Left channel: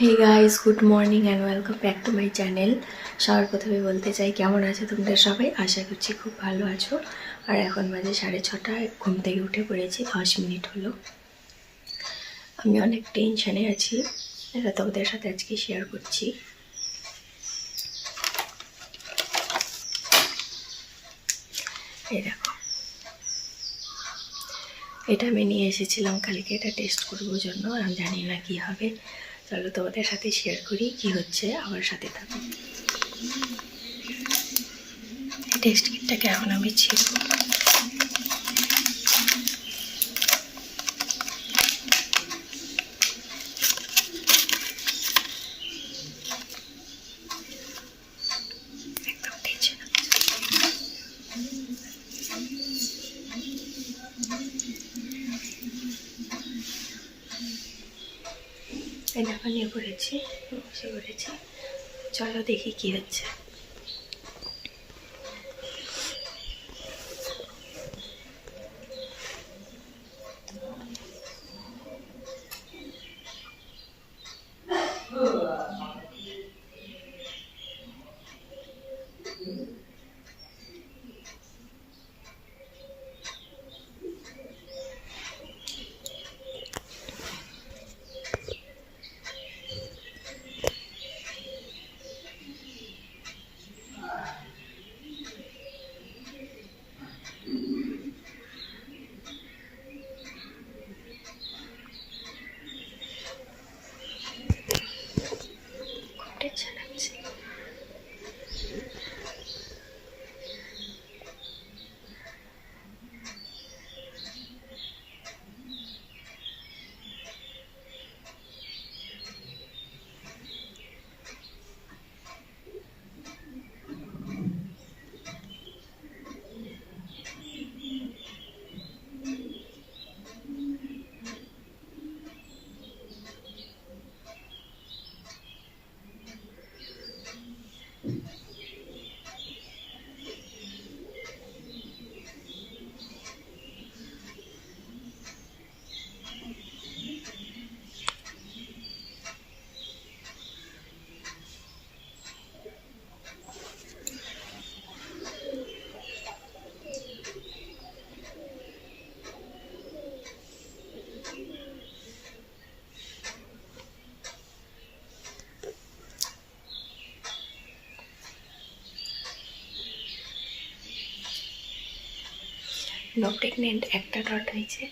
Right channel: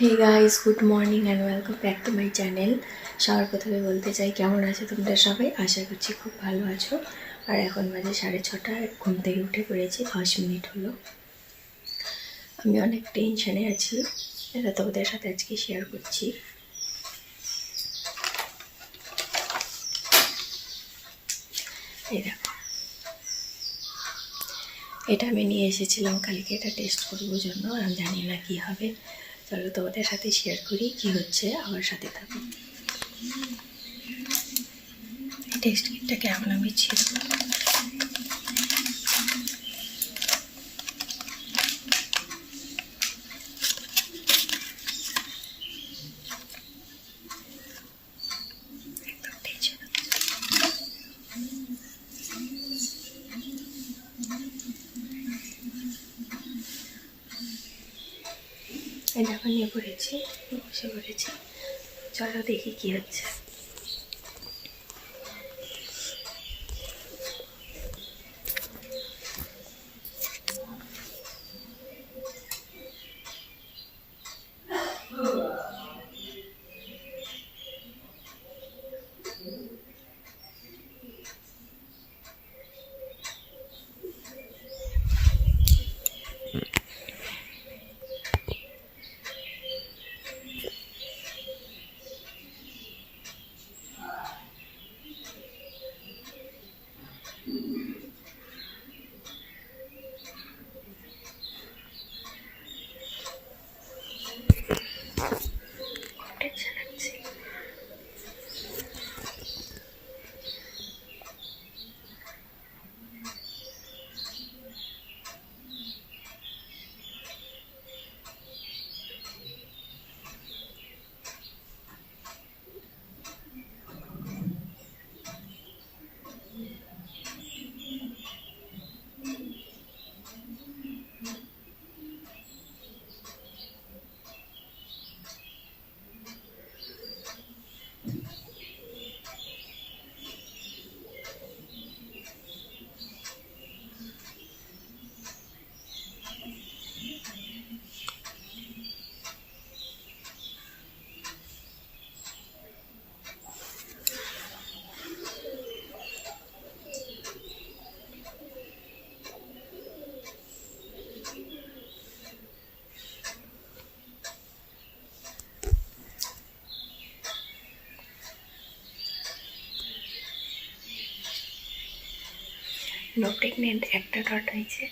Hey guys, good morning and welcome back to my channel. সবার প্রথমে বলতে চাই কেমন আছো তোমরা সবাই। আশা করছি খুব ভালো আছো। আর এখন বাজে 6:30, ঘুম থেকে উঠে পড়েছি, 10 মিনিট হলো। আমি অনেক টেনশানে আছি, এটা তোমাদের সাথে আজকে শেয়ার করছি। এই দেখো, এটা আমি নিয়ে এসেছিলাম কালকে, এটা টেস্ট করবো জন্য। আমি জানি না কি হবে, চলো তোমাদের সাথে শেয়ার করি কি হচ্ছে, আমার সাথে থাকো। টেস্ট কিটটাকে এখন আমি ছিড়ব। এই দেখো নিয়ে পড়েছি, বসে পড়েছি, চলো দেখি কি হচ্ছে। টেনশন লাগছে। নো প্রেগনেন্ট, একটা ডট হয়েছে।